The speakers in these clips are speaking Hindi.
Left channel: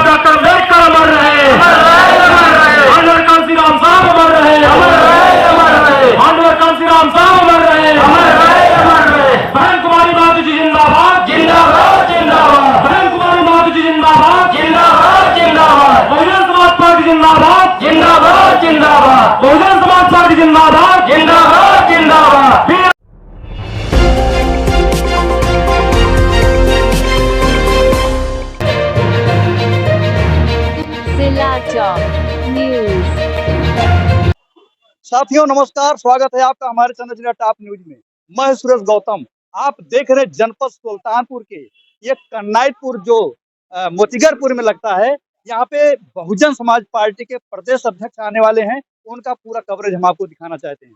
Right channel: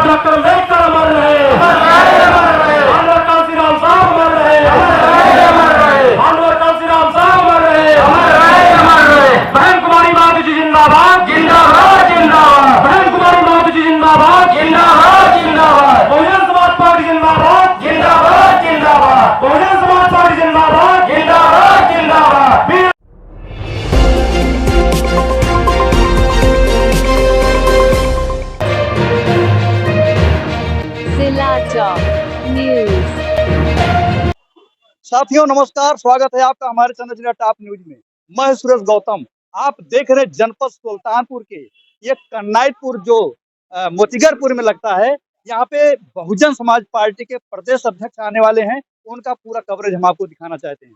साहब डॉक्टर अम्बेडकर अमर रहे, माननीय कांशीराम साहब अमर रहे, माननीय कांशीराम साहब अमर रहे। बहन कुमारी माधु जी जिंदाबाद, जिंदाबाद, जिंदाबाद। बहन कुमारी माधु जी जिंदाबाद, जिंदाबाद, जिंदाबाद। बहुजन समाज पार्टी जिंदाबाद, जिंदाबाद, जिंदाबाद। बहुजन समाज पार्टी जिंदाबाद, जिंदाबाद, जिंदाबाद। जिला टॉप न्यूज। साथियों नमस्कार, स्वागत है आपका हमारे चैनल जिला टॉप न्यूज में। मैं सुरेश गौतम, आप देख रहे जनपद सुल्तानपुर के ये कन्नाईपुर जो मोतीगरपुर में लगता है। यहाँ पे बहुजन समाज पार्टी के प्रदेश अध्यक्ष आने वाले हैं, उनका पूरा कवरेज हम आपको दिखाना चाहते हैं।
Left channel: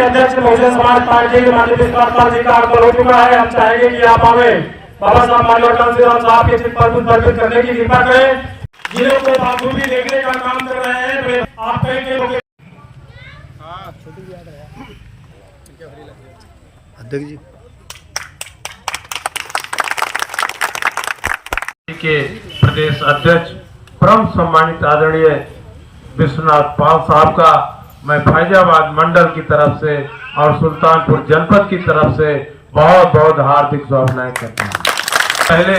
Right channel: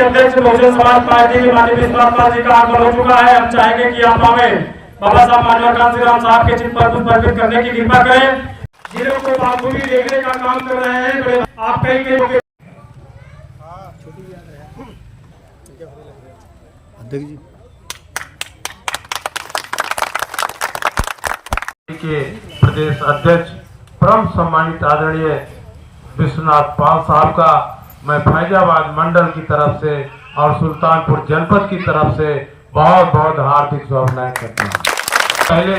अध्यक्ष बहुजन समाज पार्टी के माननीय विश्वासपाल जी का आगमन हो चुका है। हम चाहेंगे कि आप हमें बाबा साहब माननीय कांशीराम साहब के चित्र पर पुष्प अर्पित करने की कृपा करें। जिले को बाखूबी देखने का काम कर रहे हैं। आप कई लोग अध्यक्ष जी के प्रदेश अध्यक्ष परम सम्मानित आदरणीय विश्वनाथ पाल साहब का मैं फैजाबाद मंडल की तरफ से और सुल्तानपुर जनपद की तरफ से बहुत बहुत हार्दिक शुभकामनाएं करते हैं। पहले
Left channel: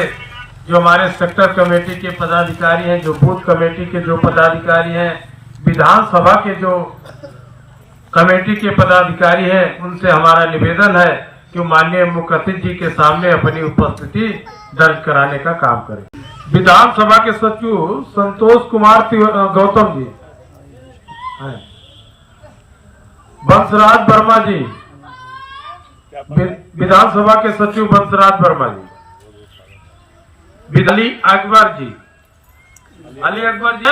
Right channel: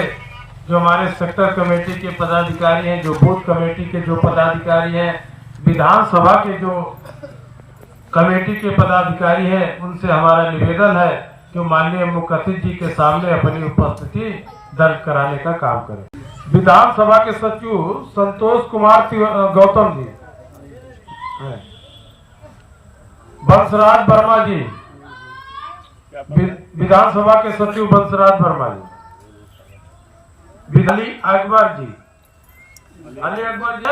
जो हमारे सेक्टर कमेटी के पदाधिकारी हैं, जो बूथ कमेटी के जो पदाधिकारी हैं, विधानसभा के जो कमेटी के पदाधिकारी हैं, उनसे हमारा निवेदन है कि माननीय मुख्य अतिथि जी के सामने अपनी उपस्थिति दर्ज कराने का काम करें। विधानसभा के सचिव संतोष कुमार गौतम जी, बंसराज वर्मा जी, विधानसभा के सचिव बंसराज वर्मा जी, अली अकबर जी, अली अकबर जी।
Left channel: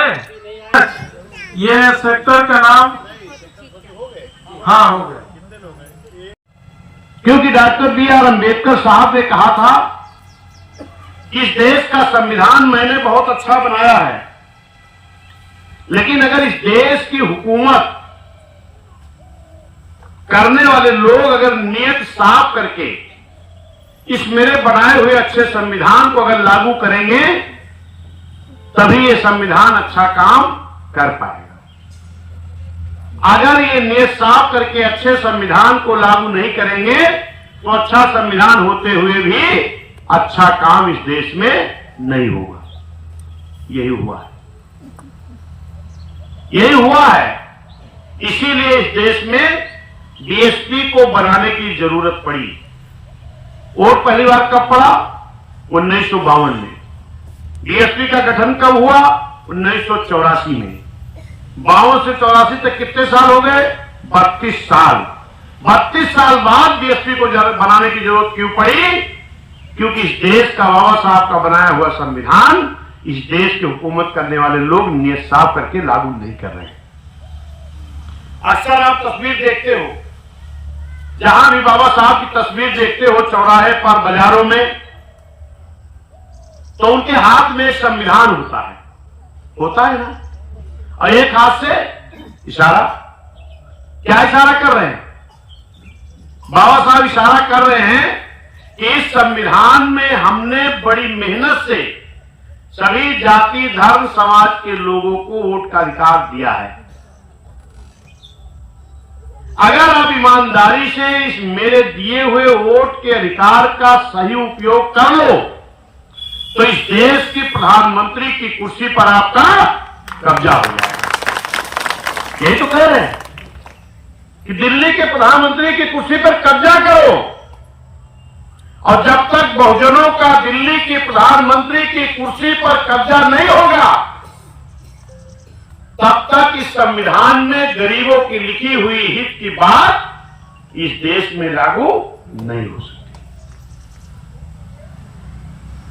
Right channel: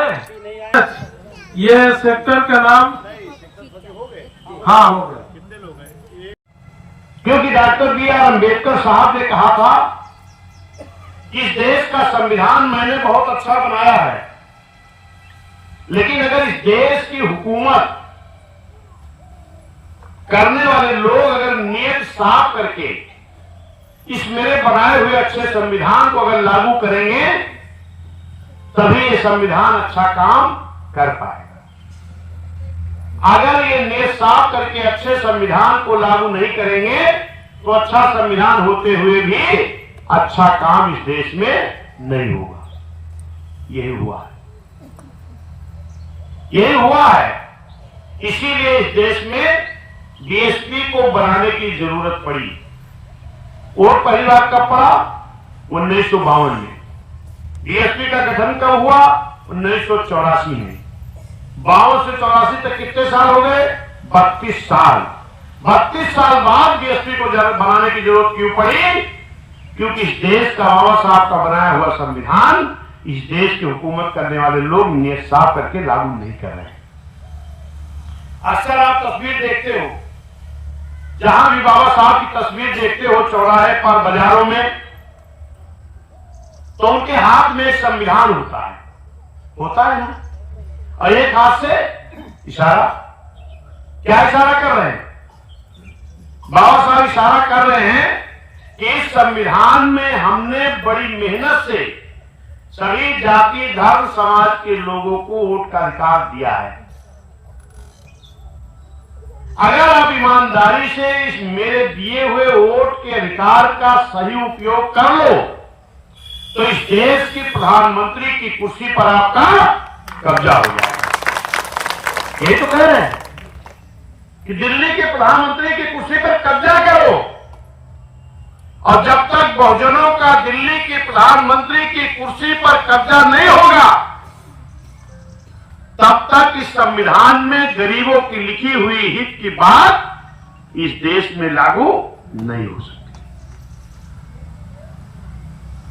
ये सेक्टर का नाम हाँ हो गया, क्योंकि डॉक्टर बी.आर. अम्बेडकर साहब ने कहा था इस देश का संविधान मैंने बहुत अच्छा बनाया है, लेकिन अगर इस देश की हुकूमत करने वाले लोग अगर नियत साफ करके इस मेरे बनाए हुए अच्छे संविधान को अगर लागू करेंगे तभी ये संविधान अच्छा काम कर पाएगा। अगर ये नियत साफ करके अच्छे संविधान को लागू नहीं करेंगे तो अच्छा संविधान होते हुए भी अच्छा काम इस देश में नहीं होगा। यही हुआ है, यही हुआ है। इसीलिए इस देश में डीएसपी को बनाने की जरूरत पड़ी। वोट पहली बार कब पड़ा? 1952 में। डीएसपी का गठन कब हुआ? 1984 में। 52 से 84 तक कितने साल हो गए? 32 साल। 32 साल बाद डीएसपी को बनाने की जरूरत क्यों पड़ी? क्योंकि इस देश का बाबा साहब का बनाया हुआ संविधान इस देश की हुकूमत करने वाले लोग नियत साफ करके लागू नहीं कर रहे हैं। अक्सर आप तस्वीर देखते हो, जहां भी बाबा साहब की तस्वीर देखते हो चौराहे पर, बाजारों में, तो उनके हाथ में एक संविधान होता है ना, और एक हाथ से इशारा। क्या इशारा कर रहे हैं? बाबा साहब इशारा कर रहे हैं कि इस संविधान में हमने बड़ी मेहनत से सभी जाति धर्म समाज के लोगों को वोट का अधिकार दिया है। अगर आप ईमानदारी से इस मेरे दिए हुए वोट के अधिकार का सही उपयोग कर लो तो इस देश की प्रधानमंत्री की कुर्सी पर आपका कब्जा हो जाएगा। यही तो कह रहे हैं कि दिल्ली के प्रधानमंत्री की कुर्सी पर कब्जा करो, और जब तक बहुजनों का दिल्ली के प्रधानमंत्री की कुर्सी पर कब्जा नहीं होगा तब तक इस संविधान में गरीबों की लिखी हुई हित की बात इस देश में लागू नहीं हो सकती।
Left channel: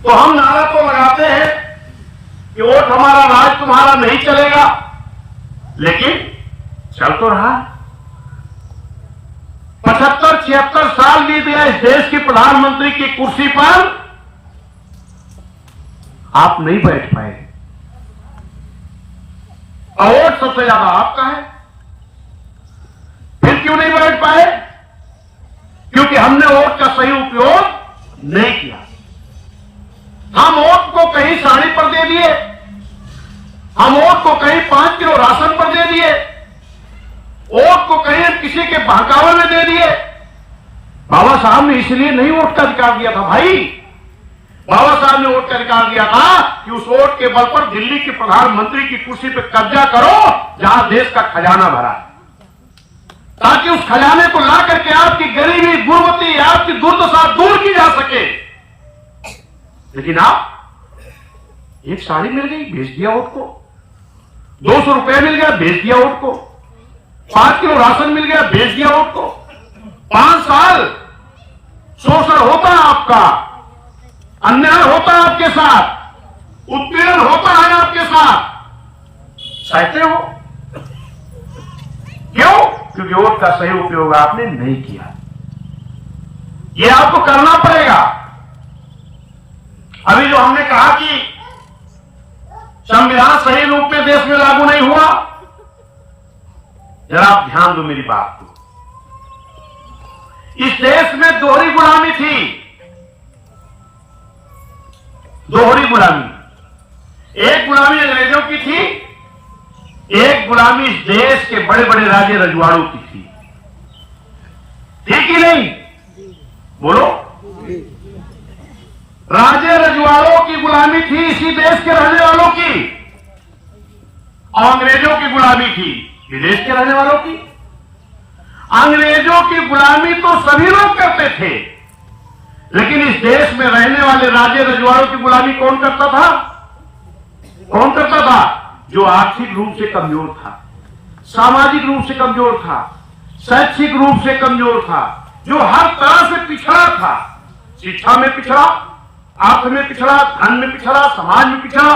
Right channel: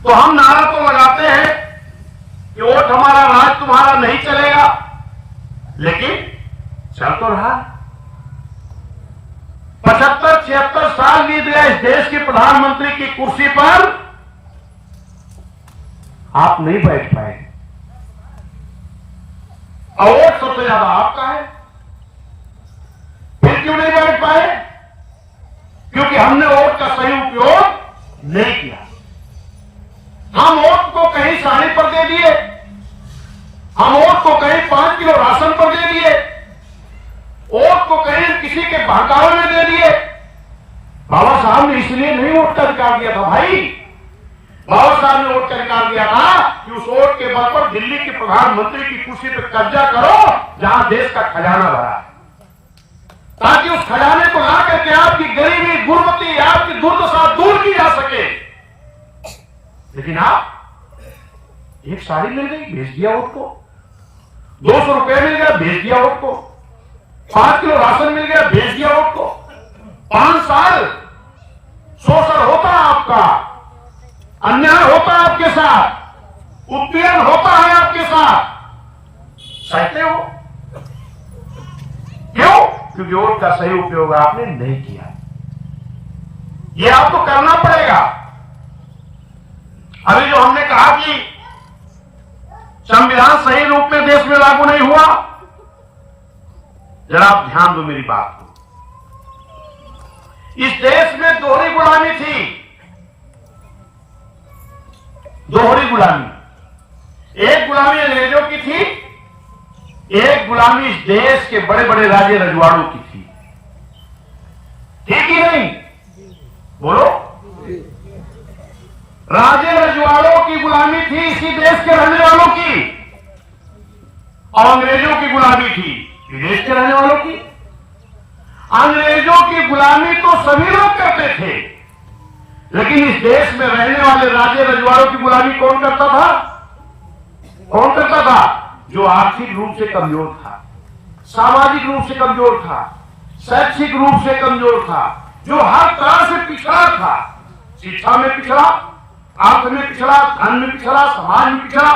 तो हम नारा तो लगाते हैं कि वोट हमारा राज तुम्हारा नहीं चलेगा, लेकिन चल तो रहा है। 75-76 साल इस देश के प्रधानमंत्री की कुर्सी पर आप नहीं बैठ पाए और वोट सबसे ज्यादा आपका है। फिर क्यों नहीं बैठ पाए? क्योंकि हमने वोट का सही उपयोग नहीं किया। हम वोट को कहीं साड़ी पर दे दिए, हम वोट को कहीं 5 किलो राशन पर दे दिए, वोट को कहीं किसी के बहकावे में दे दिए। बाबा साहब ने इसलिए नहीं वोट का अधिकार दिया था भाई। बाबा साहब ने वोट का अधिकार दिया था कि उस वोट के बल पर दिल्ली के प्रधानमंत्री की कुर्सी पर कब्जा करो जहां देश का खजाना भरा है, ताकि उस खजाने को ला करके आपकी गरीबी, गुर्बती, आपकी दुर्दशा दूर की जा सके। लेकिन आप एक साड़ी मिल गई, भेज दिया वोट को। 200 रुपए मिल गया, भेज दिया वोट को। 5 किलो राशन मिल गया, भेज दिया वोट को। 5 साल शोषण होता है आपका, अन्याय होता है आपके साथ, उत्पीड़न होता है आपके साथ, सहते हो। क्यों? क्योंकि वोट का सही उपयोग आपने नहीं किया। यह आपको करना पड़ेगा। अभी जो हमने कहा कि संविधान सही रूप में देश में लागू नहीं हुआ, जरा आप ध्यान दो मेरी बात को। इस देश में दोहरी गुलामी थी, दोहरी गुलामी। एक गुलामी अंग्रेजों की थी, एक गुलामी इस देश के बड़े बड़े राजे रजवाड़ों की थी। ठीक ही नहीं? बोलो। राजे रजवाड़ों की गुलामी थी इसी देश के रहने वालों की, और अंग्रेजों की गुलामी थी विदेश के रहने वालों की। अंग्रेजों की गुलामी तो सभी लोग करते थे, लेकिन इस देश में रहने वाले राजे रजवाड़ों की गुलामी कौन करता था? कौन करता था? जो आर्थिक रूप से कमजोर था, सामाजिक रूप से कमजोर था, शैक्षिक रूप से कमजोर था, जो हर तरह से पिछड़ा था। शिक्षा में पिछड़ा, अर्थ में पिछड़ा, धन में पिछड़ा, समाज में पिछड़ा,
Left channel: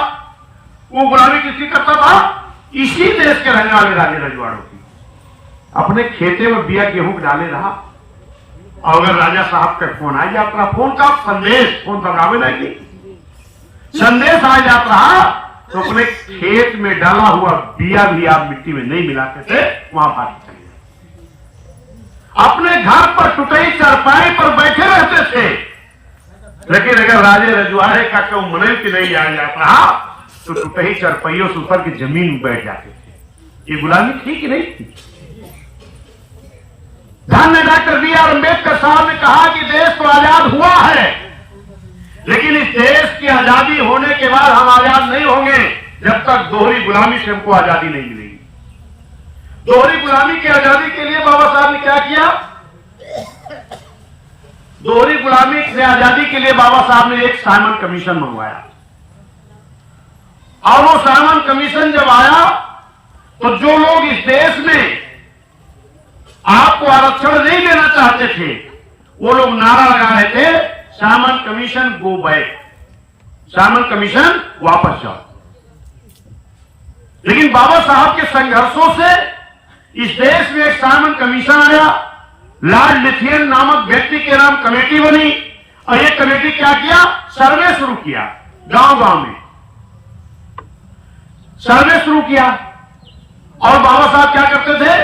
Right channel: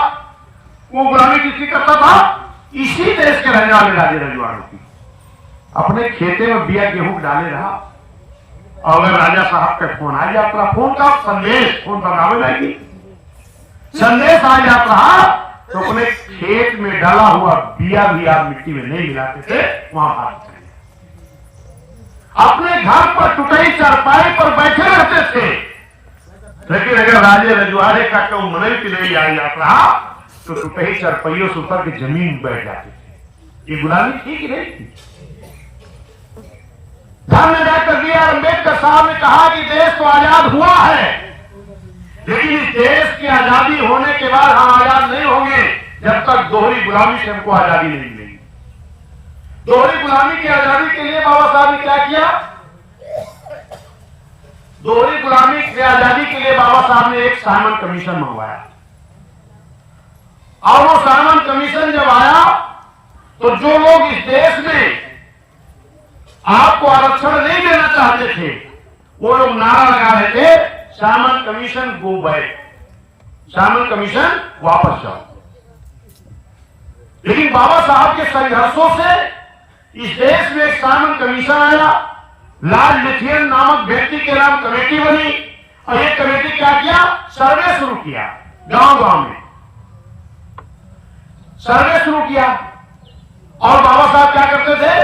वो गुलामी किसकी करता था? इसी देश के रहने वाले राजे रजवाड़ों की। अपने खेते में बिया गेहूं डाले रहा, और अगर राजा साहब का फोन आ गया, अपना फोन का संदेश, फोन बगावे लगी, संदेश आ जाता रहा, तो अपने खेत में डाला हुआ बिया भी आप मिट्टी में नहीं मिलाते थे, वहां बात करें। अपने घर पर टुटाई चारपाई पर बैठे रहते थे, लेकिन अगर राजे रजवाड़े का कोई मुनैती नहीं आ जाता तो टुटाई चारपाइयों से ऊपर की जमीन बैठ जाते थे। ये गुलामी थी कि नहीं थी? धन्य डॉक्टर बी आर अम्बेडकर साहब ने कहा कि देश को आजाद हुआ है, लेकिन इस देश की आजादी होने के बाद हम आजाद नहीं होंगे जब तक दोहरी गुलामी से हमको आजादी नहीं मिलेगी। दोहरी गुलामी की आजादी के लिए बाबा साहब ने क्या किया? दोहरी गुलामी से आजादी के लिए बाबा साहब ने एक साइमन कमीशन मंगवाया, और वो साइमन कमीशन जब आया तो जो लोग इस देश में आपको आरक्षण नहीं देना चाहते थे, वो लोग नारा लगा रहे थे, Simon commission go back, Simon commission वापस जाओ। लेकिन बाबा साहब के संघर्षों से इस देश में एक साइमन कमीशन आया, लॉर्ड लिथियन नामक व्यक्ति के नाम कमेटी बनी, और ये कमेटी क्या किया? सर्वे शुरू किया, गांव गांव में सर्वे शुरू किया। और बाबा साहब क्या करते थे?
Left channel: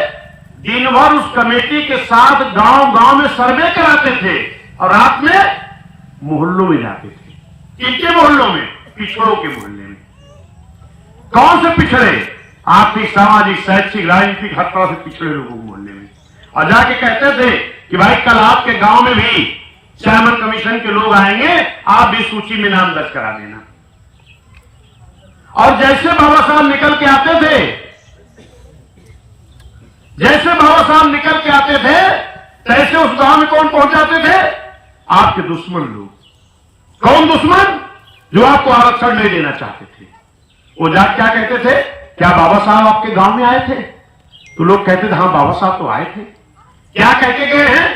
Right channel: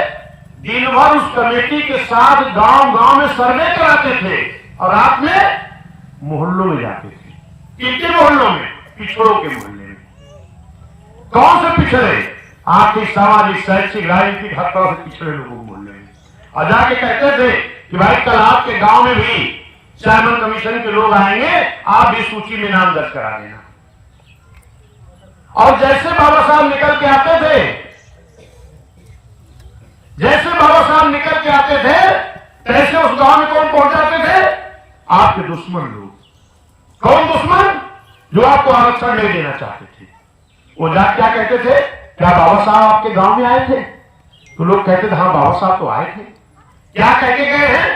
दिन भर उस कमेटी के साथ गांव गांव में सर्वे कराते थे, और रात में मोहल्लों में जाते थे। किनके मोहल्लों में? पिछड़ों के मोहल्ले में। कौन से पिछड़े? आर्थिक, सामाजिक, शैक्षिक, राजनीतिक, हर तरह से पिछड़े लोगों मोहल्ले में। और जाके कहते थे कि भाई कल आपके गांव में भी साइमन कमीशन के लोग आएंगे, आप भी सूची में नाम दर्ज करा देना। और जैसे बाबा साहब निकल के आते थे, जैसे बाबा साहब निकल के आते थे, तैसे उस गांव में कौन पहुंच जाते थे? आपके दुश्मन लोग। कौन दुश्मन? जो आपको आरक्षण नहीं देना चाहते थे। वो जाके क्या कहते थे? क्या बाबा साहब आपके गांव में आए थे? तो लोग कहते थे हाँ बाबा साहब तो आए थे। क्या कह के गए हैं?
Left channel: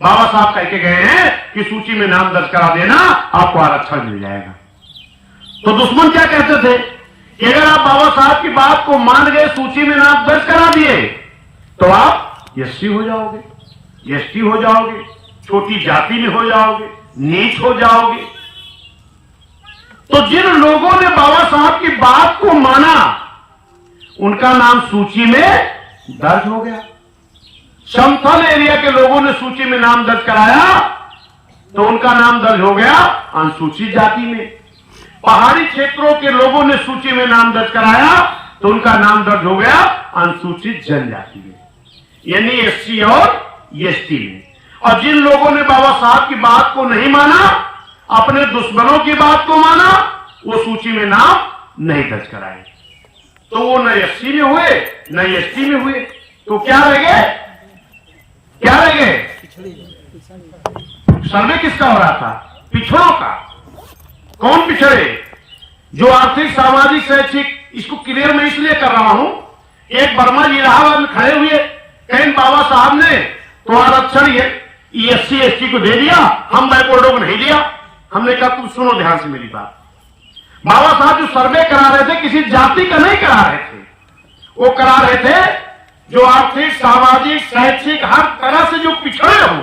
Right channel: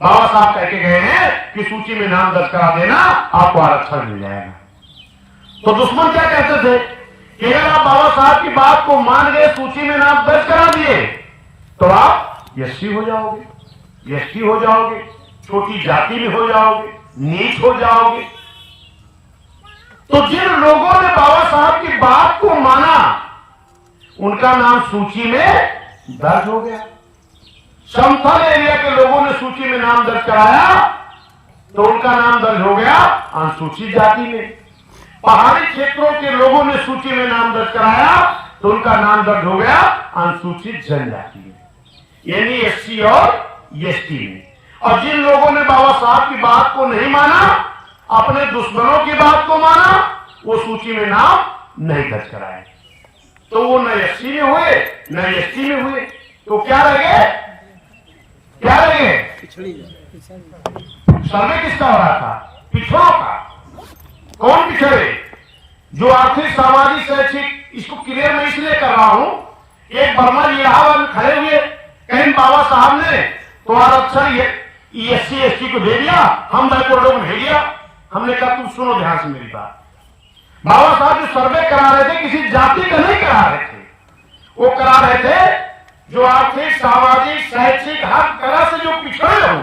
बाबा साहब कह के गए हैं कि सूची में नाम दर्ज करा देना, आपको आरक्षण मिल जाएगा। तो दुश्मन क्या कहते थे कि अगर आप बाबा साहब की बात को मान गए, सूची में नाम दर्ज करा दिए, तो आप एससी हो जाओगे, एसटी हो जाओगे, छोटी जाति में हो जाओगे, नीच हो जाओगे। तो जिन लोगों ने बाबा साहब की बात को माना उनका नाम सूची में दर्ज हो गया। समतल एरिया के लोगों ने सूची में नाम दर्ज कराया तो उनका नाम दर्ज हो गया अनुसूचित जाति में। पहाड़ी क्षेत्रों के लोगों ने सूची में नाम दर्ज कराया तो उनका नाम दर्ज हो गया अनुसूचित जनजाति में, यानी एससी और एसटी में। और जिन लोगों ने बाबा साहब की बात को नहीं माना, अपने दुश्मनों की बात को माना, वो सूची में नाम नहीं दर्ज कराए, तो वो न एससी में हुए न एसटी में हुए, तो क्या लगे? क्या लगे? सर्वे किसका हो रहा था? पिछड़ों का। कौन पिछड़े? जो आर्थिक, सामाजिक, शैक्षिक, इसको क्लियर मैं इसलिए कर रहा हूं, एक वर्मा जी इलाहाबाद में खड़े हुए, कहीं बाबा साहब ने तो आरक्षण एससी एसटी को दे दिया, हम बैकवर्डों को नहीं दिया। हमने कहा तुम सुनो ध्यान से मेरी बात। बाबा साहब जो सर्वे करा रहे थे किसी जाति का नहीं करा रहे थे, वो करा रहे थे जो आर्थिक, सामाजिक, शैक्षिक हर तरह से जो पिछड़े हों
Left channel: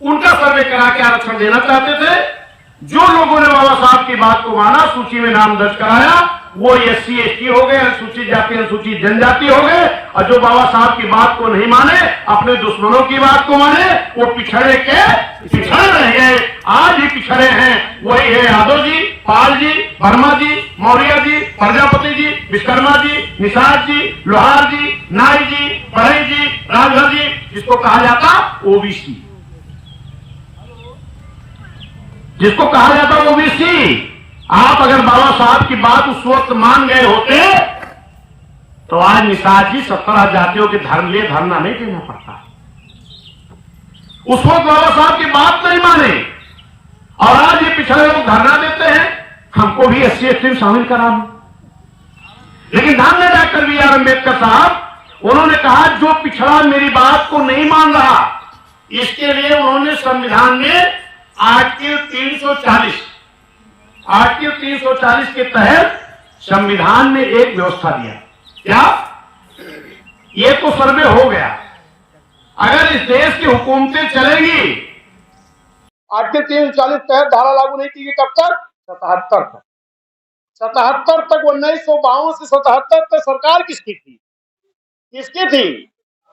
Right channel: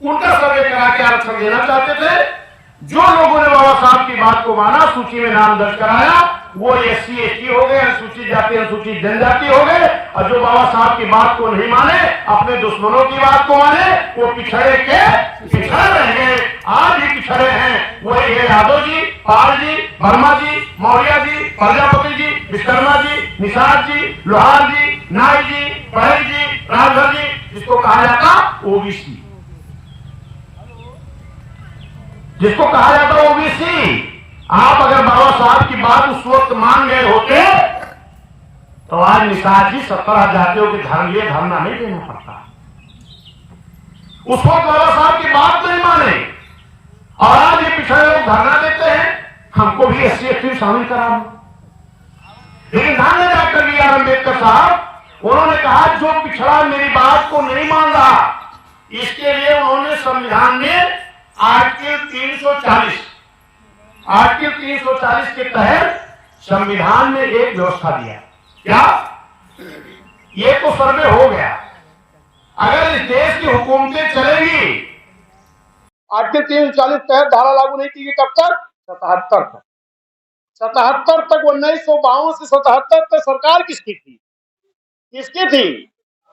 उनका सर्वे करा के आरक्षण देना चाहते थे। जो लोगों ने बाबा साहब की बात को माना, सूची में नाम दर्ज कराया, वो एससी एसटी हो गए, अनुसूचित जाति अनुसूचित जनजाति हो गए। और जो बाबा साहब की बात को नहीं माने, अपने दुश्मनों की बात को माने, वो पिछड़े के पिछड़े रह गए। आज ही पिछड़े हैं, वही है यादव जी, पाल जी, वर्मा जी, मौर्य जी, प्रजापति जी, विश्वकर्मा जी, निषाद जी, लोहार जी, नाई जी, पढ़ई जी, रामघर जी, जिसको कहा जाता ओबीसी, जिसको कहा जाता ओबीसी। आप अगर बाबा साहब की बात उस वक्त मान गए होते तो आज निषाद जी 17 जातियों के धर्म लिए धरना नहीं देना पड़ता। उस वक्त बाबा साहब की बात नहीं माने और आज ये पिछड़े लोग धरना देते हैं, हमको भी एससी एसटी में शामिल करा। लेकिन ध्यान में डॉक्टर बी आर अम्बेडकर साहब, उन्होंने कहा जो पिछड़ा मेरी बात को नहीं मान रहा, इसके लिए उन्होंने संविधान में आर्टिकल 340 के तहत संविधान में एक व्यवस्था दिया। क्या? ये तो सर्वे हो गया, अगर इस देश की हुकूमतें चलेगी, आर्टिकल 340 तहत धारा लागू नहीं की गई कब तक? 77 तक। 77 तक, 1952 से 77 तक सरकार किसकी थी? किसकी थी?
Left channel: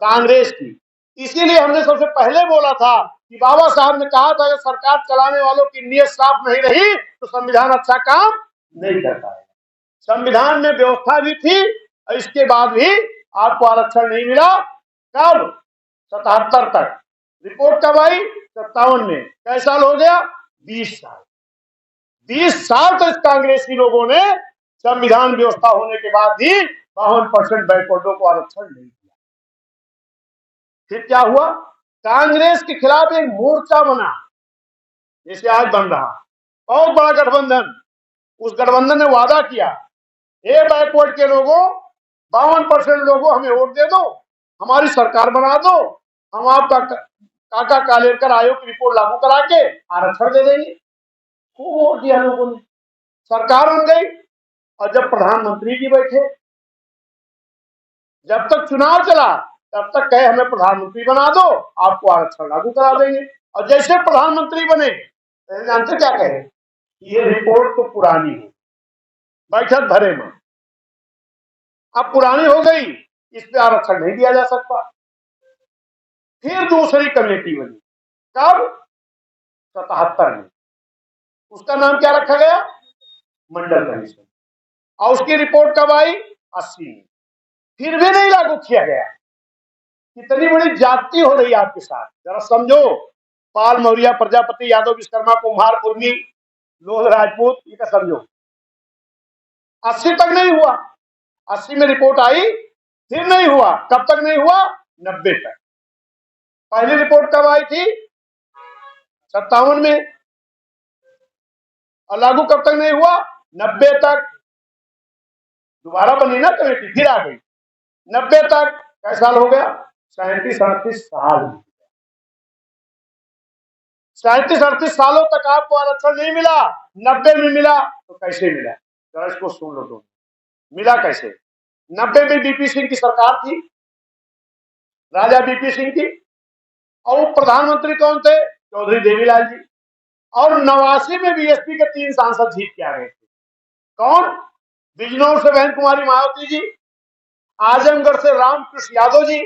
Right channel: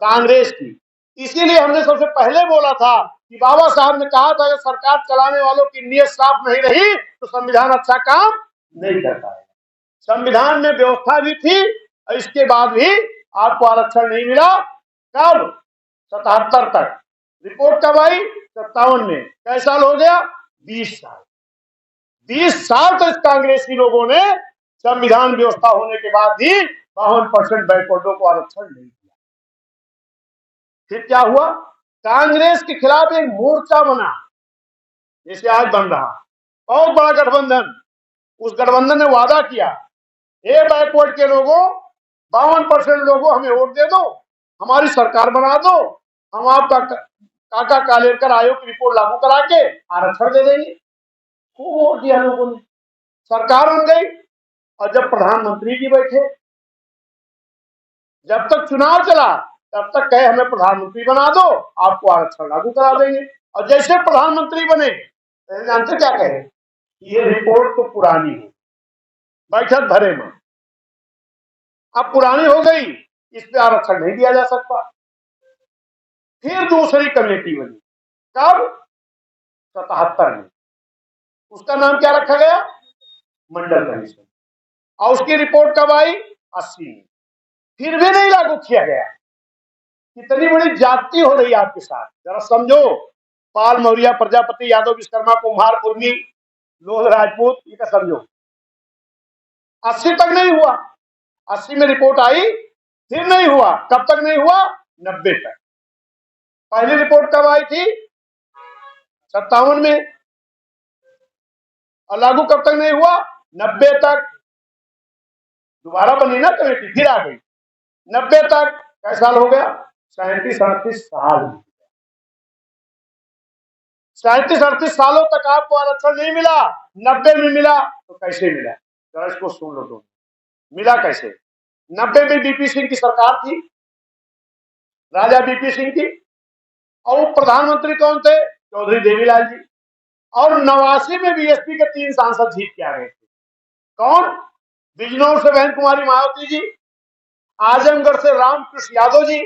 कांग्रेस की। इसीलिए हमने सबसे पहले बोला था कि बाबा साहब ने कहा था कि सरकार चलाने वालों की नीयत साफ नहीं रही तो संविधान अच्छा काम नहीं करता है। संविधान में व्यवस्था भी थी, इसके बाद भी आपको आरक्षण नहीं मिला। कब? 77 तक। रिपोर्ट कब आई? 57 में। कैसा साल हो गया? 20 साल। 20 साल तो इस कांग्रेसी लोगों ने संविधान व्यवस्था होने के बाद भी 52% बैकवर्डों को आरक्षण नहीं दिया। फिर क्या हुआ? कांग्रेस के खिलाफ एक मोर्चा बना, जैसे आज बन रहा, बहुत बड़ा गठबंधन। उस गठबंधन ने वादा किया, ए बैकवर्ड के लोगों, 52% लोगों हमें वोट दे दो, हमारी सरकार बना दो, हम आपका काका कालेलकर आयोग की रिपोर्ट लागू करा के आरक्षण दे देंगे। खूब वोट दिया लोगों ने, सरकार बन गई। और जब प्रधानमंत्री जी बैठे, जब तक चुनाव चला तब तक कहे हमें प्रधानमंत्री बना दो, आपको आरक्षण लागू करा देंगे। और जैसे प्रधानमंत्री बने, जानते क्या कहे? ये रिपोर्ट तो पुरानी है, बैठक भरे में, अब पुरानी हो गई, इस पे आरक्षण नहीं दिया जा सकता। फिर दूसरी कमेटी बनी, कब? 77 में। उसका नाम क्या रखा गया? मंडल कमीशन। और उसकी रिपोर्ट कब आई? 80 में। फिर भी नहीं लागू किया गया। कितनी बड़ी जाति हो रही है आपके साथ, जरा समझो। पाल, मौर्य, प्रजापति, यादव, विश्वकर्मा, कुम्हार, कुर्मी, लोह, राजपूत, ये का समझो। 80 तक नहीं हुआ। 80 में रिपोर्ट आई, फिर नहीं हुआ। कब तक नहीं हुआ? 90 तक। पहली रिपोर्ट कब आई थी? 57 में। और लागू कब तक नहीं हुआ? 90 तक। दोबारा बनी ना कमेटी, फिर आ गई 90 तक। कैसा साल हो गया? 37-38 साल। 37-38 सालों तक आपको आरक्षण नहीं मिला। 90 में मिला तो कैसे मिला? जरा इसको सुन लो तुम, मिला कैसे? 90 में बीपी सिंह की सरकार थी, राजा बीपी सिंह की, और वो प्रधानमंत्री कौन थे? चौधरी देवीलाल जी। और 89 में बीएसपी के 3 सांसद जीत के आ गए थे। कौन? बिजनौर से बहन कुमारी मायावती जी, आजमगढ़ से रामकृष्ण यादव जी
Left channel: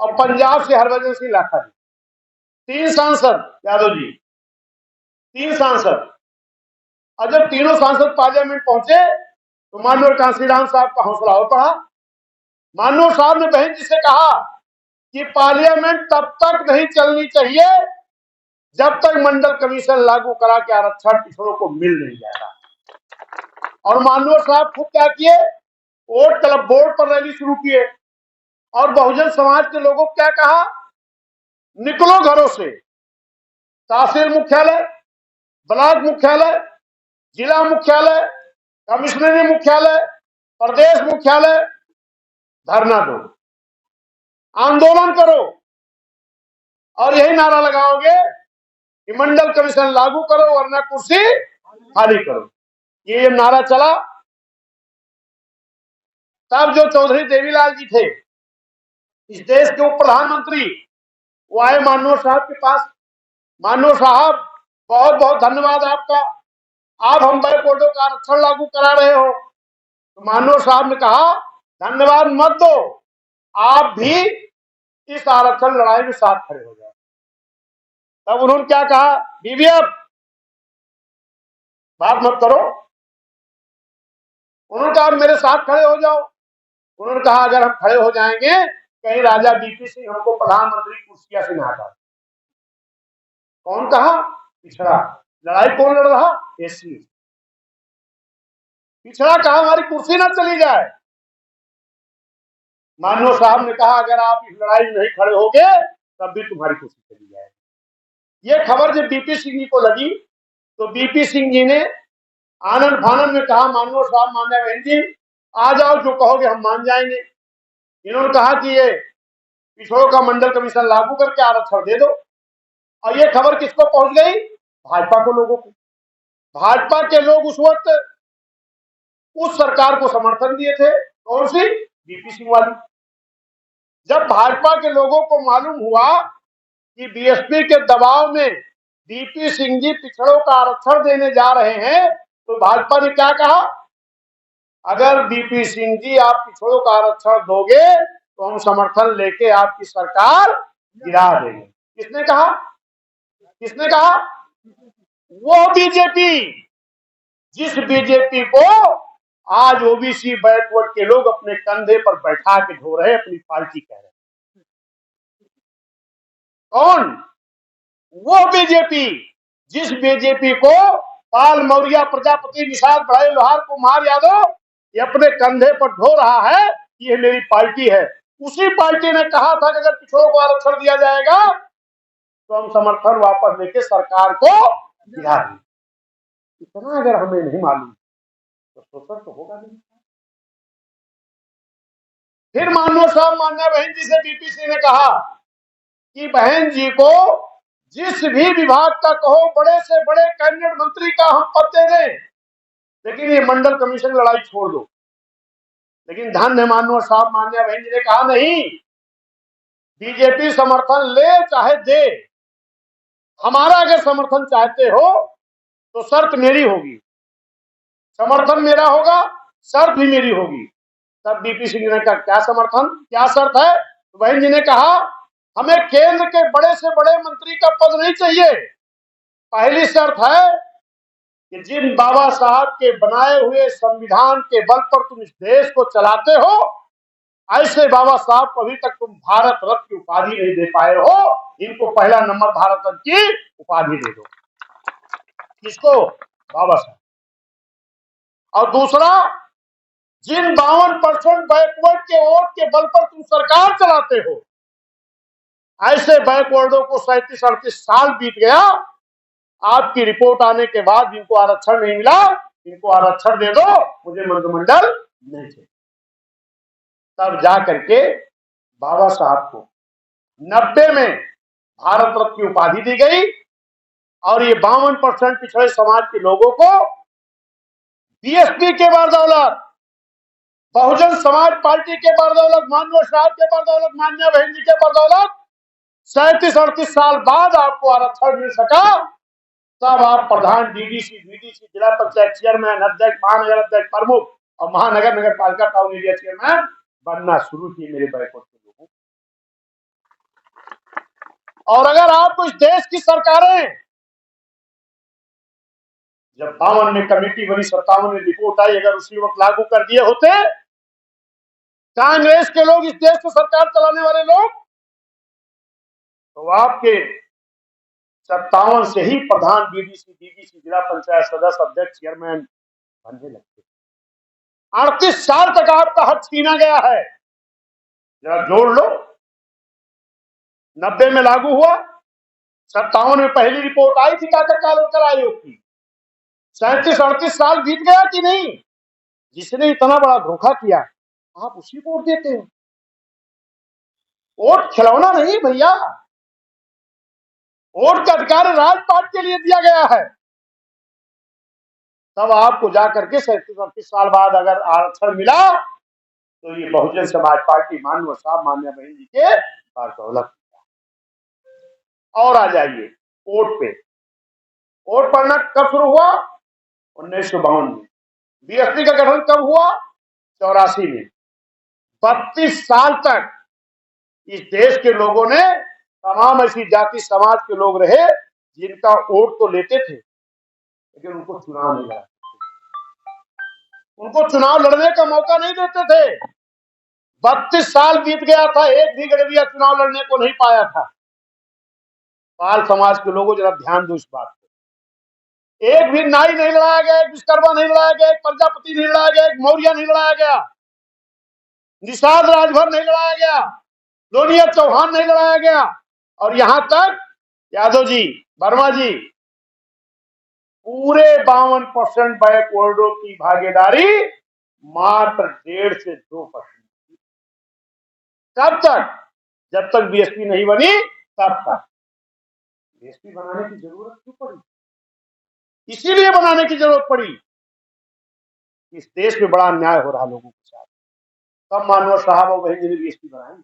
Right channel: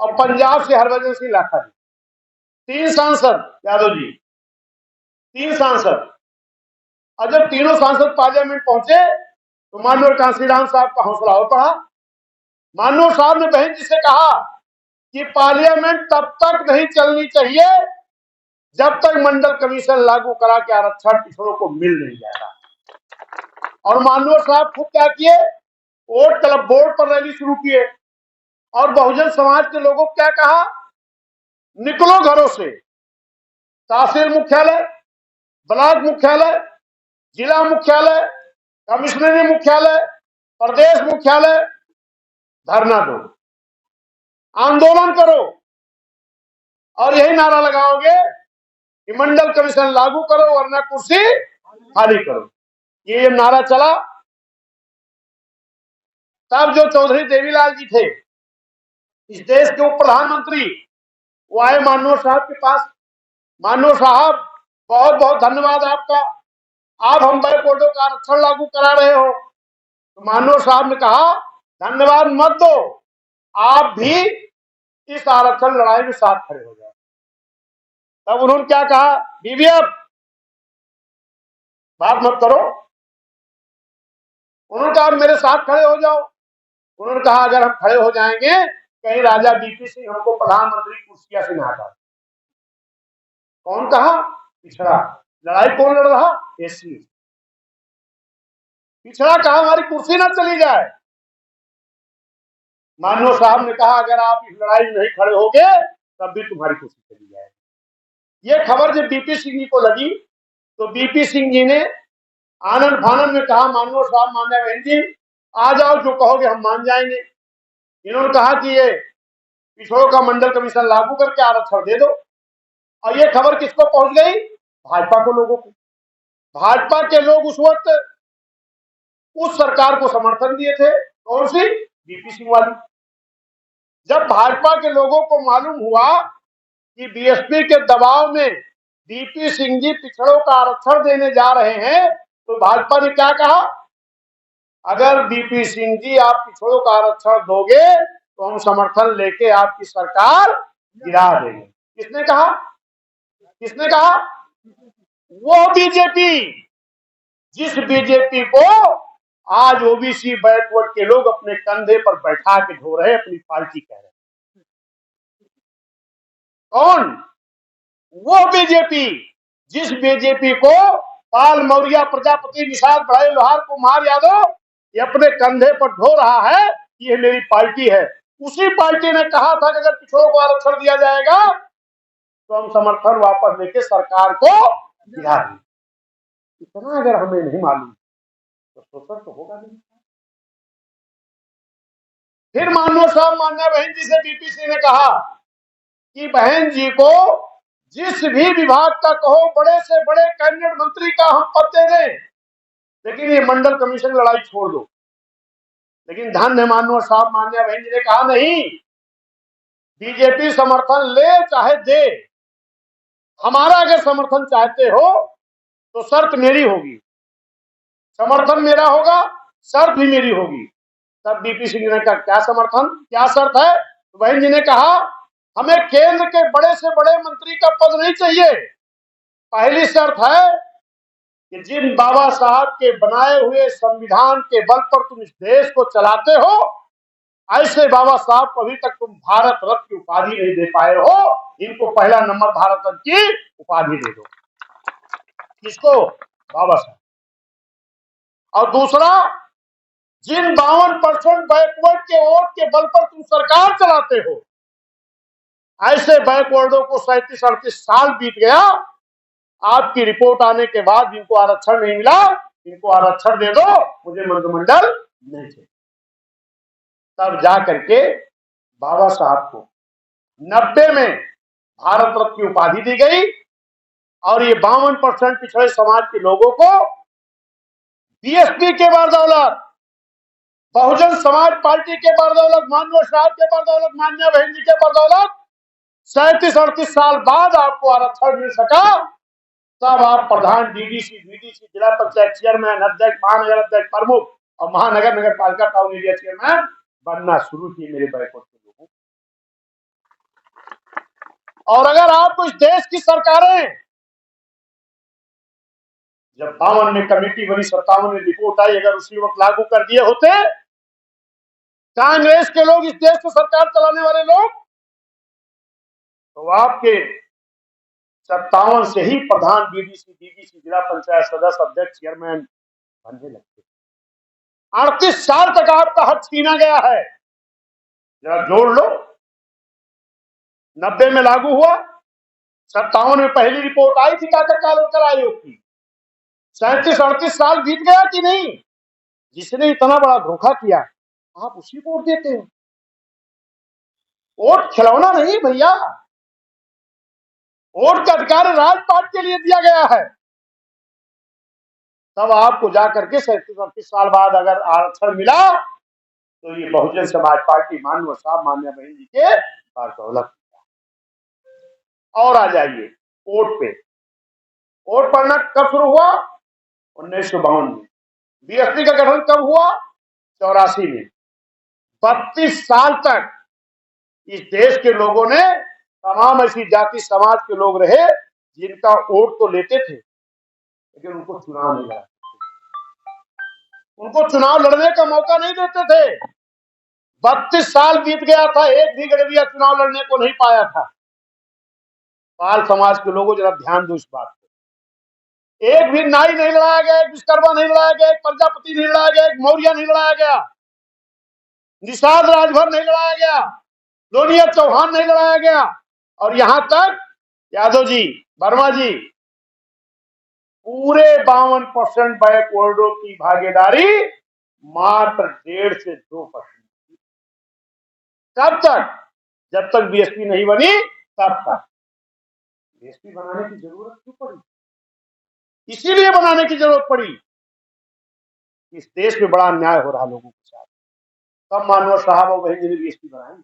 और पंजाब से हरभजन सिंह लाखा जी। 3 सांसद यादव जी, 3 सांसद। और जब तीनों सांसद पार्लियामेंट पहुंचे तो माननीय कांसीराम साहब का हौसला हो पड़ा। माननीय साहब ने बहन जी से कहा कि पार्लियामेंट तब तक नहीं चलनी चाहिए जब तक मंडल कमीशन लागू करा के आरक्षण पिछड़ों को मिल नहीं जाएगा। और माननीय साहब खुद क्या किए? वोट क्लब बोर्ड पर रैली शुरू किए और बहुजन समाज के लोगों को क्या कहा? निकलो घरों से, तहसील मुख्यालय, ब्लॉक मुख्यालय, जिला मुख्यालय, कमिश्नरी मुख्यालय, प्रदेश मुख्यालय, धरना दो, आंदोलन करो और यही नारा लगाओगे कि मंडल कमीशन लागू करो वरना कुर्सी खाली करो। ये नारा चला। तब जो चौधरी देवीलाल जी थे, इस देश के उप प्रधानमंत्री, वो आए माननीय साहब के पास। माननीय साहब, बहुत बहुत धन्यवाद आपका, आप हम बैकवर्डों का आरक्षण लागू करा रहे हो। तो माननीय साहब ने कहा धन्यवाद मत दो, आप भी इस आरक्षण लड़ाई में साथ खड़े हो जाओ। तब उन्होंने क्या कहा? बीबी अब बात मत करो। उन्होंने कहा मेरे साथ खड़े हो जाओ। उन्होंने कहा अगर हम खड़े हो जाएंगे कहीं राजा बीपी सिंह हमको प्रधानमंत्री कुर्सियां से ना हटा। कौन कहा? पिछड़ा। लड़ाई कौन लड़ रहा? एससी। पिछड़ा कहा हमारी कुर्सी ना चली जाए। माननीय साहब ने कहा अगर आप इस लड़ाई में नहीं खड़े होगे तब भी तुम्हारी कुर्सी चली जाएगी। ये खबर जब बीपी सिंह जी को लगी तो बीपी सिंह जी ने आनंद फानंद में कहा माननीय साहब, मान्य बहन जी, आ जाओ, जो कहोगे हम मान जाएंगे। इन्होंने कहा कि ये पिछड़ों का मंडल कमीशन लागू करके आरक्षण दे दो। और ये खबर किसको पहुंच गई? भाजपा को, लोगों को। भाजपा के लोग उस वक्त उस सरकार को समर्थन दिए थे। कौन सी? बीपी सिंह वाली। जब भाजपा के लोगों को मालूम हुआ कि बीएसपी के दबाव में बीपी सिंह जी पिछड़ों का आरक्षण देने जा रहे हैं तो भाजपा ने क्या कहा? अगर बीपी सिंह जी आप पिछड़ों का आरक्षण दोगे तो हम समर्थन लेके आपकी सरकार गिरा देंगे। किसने कहा? किसने कहा? वो बीजेपी, जिस बीजेपी को आज ओबीसी बैकवर्ड के लोग अपने कंधे पर बैठा के ढो रहे, अपनी पार्टी कह रहे। कौन? वो बीजेपी, जिस बीजेपी को पाल मौर्य, प्रजापति, निषाद बढ़ाई, लोहार, कुमार यादव ये अपने कंधे पर ढो रहा है कि ये मेरी पार्टी है। उसी पार्टी ने कहा था कि अगर पिछड़ों को आरक्षण दिया जाएगा तो हम समर्थन वापस लेके सरकार को गिरा देंगे। इतना अगर हमें नहीं मालूम तो शोषण तो होगा नहीं। फिर माननीय साहब, मान्या बहन जी से बीपी सिंह ने कहा कि बहन जी को जिस भी विभाग का कहो, बड़े से बड़े कैबिनेट मंत्री का हम पद दे दें, लेकिन ये मंडल कमीशन लड़ाई छोड़ दो। लेकिन धन्य माननीय साहब, मान्या बहन जी ने कहा नहीं, बीजेपी समर्थन ले चाहे दे, हमारा अगर समर्थन चाहते हो तो शर्त मेरी होगी, समर्थन मेरा होगा, शर्त भी मेरी होगी। तब बीपी सिंह ने कहा क्या समर्थन, क्या शर्त है? तो बहन जी ने कहा हमें केंद्र के बड़े से बड़े मंत्री का पद नहीं चाहिए। पहली शर्त है कि जिन बाबा साहब के बनाए हुए संविधान के बल पर तुम इस देश को चलाते हो, ऐसे बाबा साहब को अभी तक तुम भारत रत्न की उपाधि नहीं दे पाए हो, इनको पहला नंबर भारत रत्न की उपाधि दे दो। किसको? बाबा साहब। और दूसरा, जिन 52% बैकवर्ड के वोट के बल पर तुम सरकार चलाते हो, ऐसे बैकवर्डों को 37-38 साल बीत गया, आपकी रिपोर्ट आने के बाद जिनको आरक्षण नहीं मिला, इनको आरक्षण दे दो, मुझे मंत्रिमंडल नहीं चाहिए। तब जा करके बाबा साहब को 90 में भारत रत्न की उपाधि दी गई और ये 52% पिछड़े समाज के लोगों को बीएसपी के बदौलत, बहुजन समाज पार्टी के बदौलत, माननीय साहब के बदौलत, मान्या बहन जी के बदौलत 37-38 साल बाद आपको आरक्षण मिल सका, तब आप प्रधान, डीडीसी, वीडीसी, जिला पंचायत चेयरमैन, अध्यक्ष, महानगर अध्यक्ष, प्रमुख और महानगर नगर पालिका टाउन एरिया चेयरमैन बनना शुरू किए मेरे बैकवर्ड के लोगों। और अगर आपको इस देश की सरकारें, जब 52 में कमेटी बनी, 57 में रिपोर्ट आई, अगर उसी वक्त लागू कर दिए होते कांग्रेस के लोग, इस देश को सरकार चलाने वाले लोग, तो आपके 57 से ही प्रधान, डीडीसी, डीडीसी, जिला पंचायत सदस्य, अध्यक्ष, चेयरमैन बनने लगते। 38 साल तक आपका हक छीना गया है। जरा जोड़ लो, 90 में लागू हुआ, 57 में पहली रिपोर्ट आई थी काका कालेकर आयोग की। 37-38 साल बीत गया कि नहीं? जिसने इतना बड़ा धोखा किया आप उसी को वोट देते हो। वोट खिलौना नहीं भैया, वोट का अधिकार राजपाट के लिए दिया गया है। तब आपको जाकर के 37-38 साल बाद अगर आरक्षण मिला तो ये बहुजन समाज पार्टी मानव साहब, मान्या बहन जी के बदौलत। और आ जाइए वोट पे। वोट पड़ना कब शुरू हुआ? 1952 में। बीएसपी का गठन कब हुआ? 84 में। 32 साल तक इस देश के लोगों ने, तमाम ऐसी जाति समाज के लोग रहे जिनका वोट तो लेते थे लेकिन उनको चुनाव नहीं लड़ा, उनको चुनाव लड़ने का मौका नहीं देते थे। 32 साल बीत गया था, एक भी गड़बिया चुनाव लड़ने को नहीं पाया था। पाल समाज के लोगों जरा ध्यान दो इस बात पे। एक भी नाई नहीं लड़ाया गया, एक विश्वकर्मा नहीं लड़ाया गया, एक प्रजापति नहीं लड़ाया गया, एक मौर्य नहीं लड़ाया गया, निषाद राजभर नहीं लड़ाया गया, लोनिया चौहान नहीं लड़ाया गया। और यहां तक यादव जी, वर्मा जी, पूरे 52% बैकवर्डों की भागीदारी मात्र 1.5 से 2%। कब तक? जब तक बीएसपी नहीं बनी तब तक। बीएसपी बनाने की जरूरत क्यों पड़ी? इसीलिए बनाने की जरूरत पड़ी, इस देश में बड़ा अन्याय हो रहा लोगों के साथ। तब मानव साहब और बहन जी ने बीएसपी बनाई।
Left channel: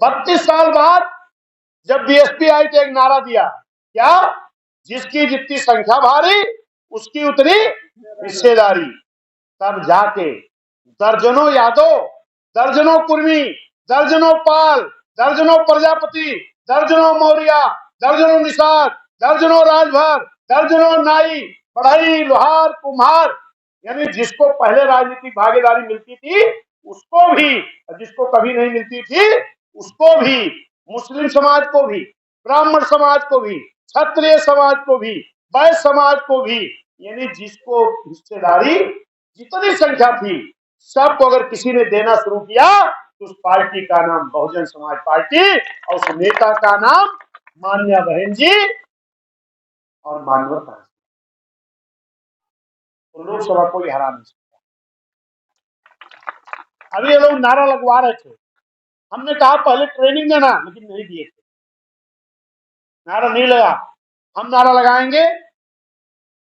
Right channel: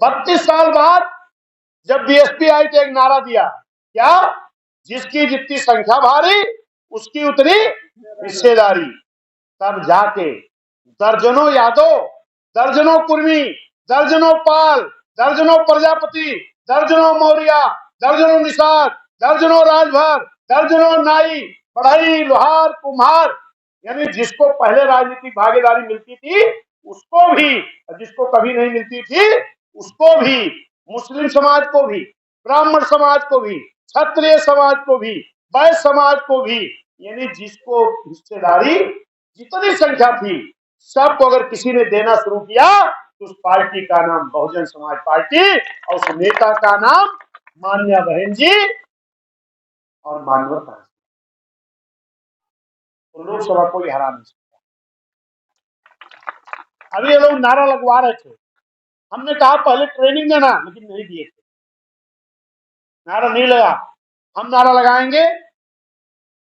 32 साल बाद जब बीएसपी आई तो एक नारा दिया, क्या? जिसकी जितनी संख्या भारी उसकी उतनी हिस्सेदारी। तब जाके दर्जनों यादव, दर्जनों कुर्मी, दर्जनों पाल, दर्जनों प्रजापति, दर्जनों मौर्य, दर्जनों निषाद, दर्जनों राजभर, दर्जनों नाई, बढ़ई, लोहार, कुम्हार, यानी जिसको पहले राजनीतिक भागीदारी मिलती थी उसको भी, जिसको कभी नहीं मिलती थी उसको भी, मुस्लिम समाज को भी, ब्राह्मण समाज को भी, क्षत्रिय समाज को भी, वैश्य समाज को भी, यानी जिसको हिस्सेदारी जितनी संख्या थी सबको अगर किसी ने देना शुरू किया तो उस पार्टी का नाम बहुजन समाज पार्टी और उस नेता का नाम मान्या बहन जी और मानवता। तो लोकसभा कोई हरा नहीं सकता। अभी ये लोग नारा लगवा रहे थे, हमने कहा पहले ट्रेनिंग देना, लेकिन नहीं दिए थे, नारा नहीं लगा। हम नारा लगाएंगे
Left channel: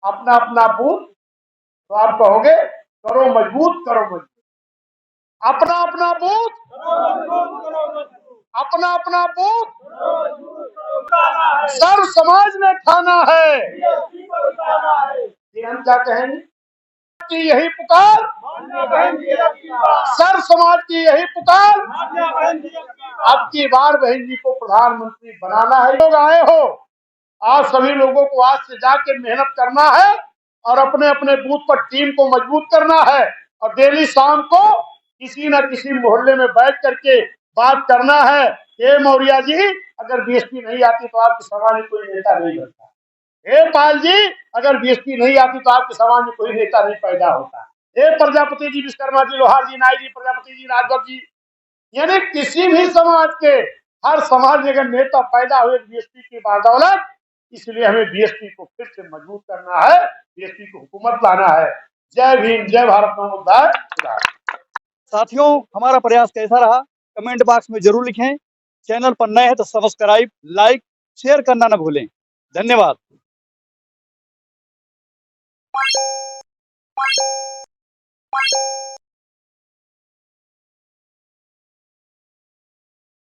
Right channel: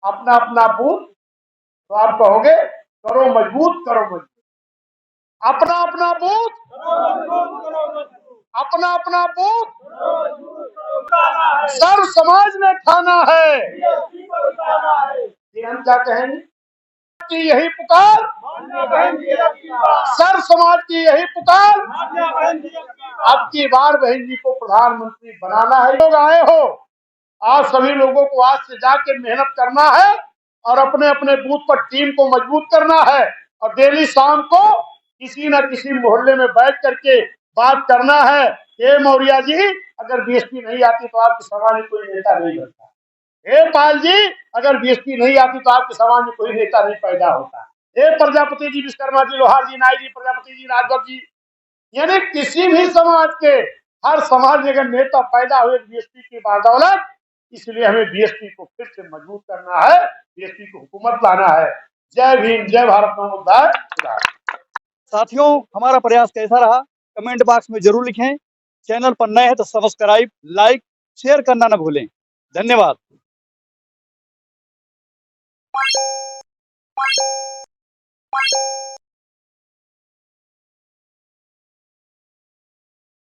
अपना अपना बूथ, तो आप कहोगे करो मजबूत, करो मजबूत। अपना अपना बूथ, अपना अपना बूथ सर्व समाज ने ठाना है। हम क्या कहेंगे की यही पुकार, सर्व समाज की यही पुकार। अब की बार बहन जी को प्रधानमंत्री बनाना है। लोग आए हो, आप सभी लोगों को आज से जाके मेहनत करना है और अपने अपने बूथ पर टीम को मजबूत करना है और डेली शाम को किसी न किसी मोहल्ले में बैठ करके बात करना है। हे मौर्या जी, अगर बीएसपी नहीं आती तो आपके समाज में कोई नेता नहीं बनता। हे पाल जी, अगर बीएसपी नहीं आती तो आपके समाज में कोई नेता नहीं पैदा होता। हे प्रजापति जी, विश्वकर्मा जी, लोहार जी, नाई जी, प्रजापति जी, राजभर जी, यानी किसी भी समाज के, हर समाज में अगर नेता पैदा हुए बीएसपी की बदौलत। इसलिए हमें बीएसपी को फिर से मजबूत करना है, बीएसपी को हुकूमत लाना है। जय भीम, जय भारत माता। साथियों, हमारा प्रयास कैसा रहा कमेंट बॉक्स में जरूर लिखें। चैनल पर नए हैं तो सब्सक्राइब, लाइक, शेयर करना न भूलें। धन्यवाद।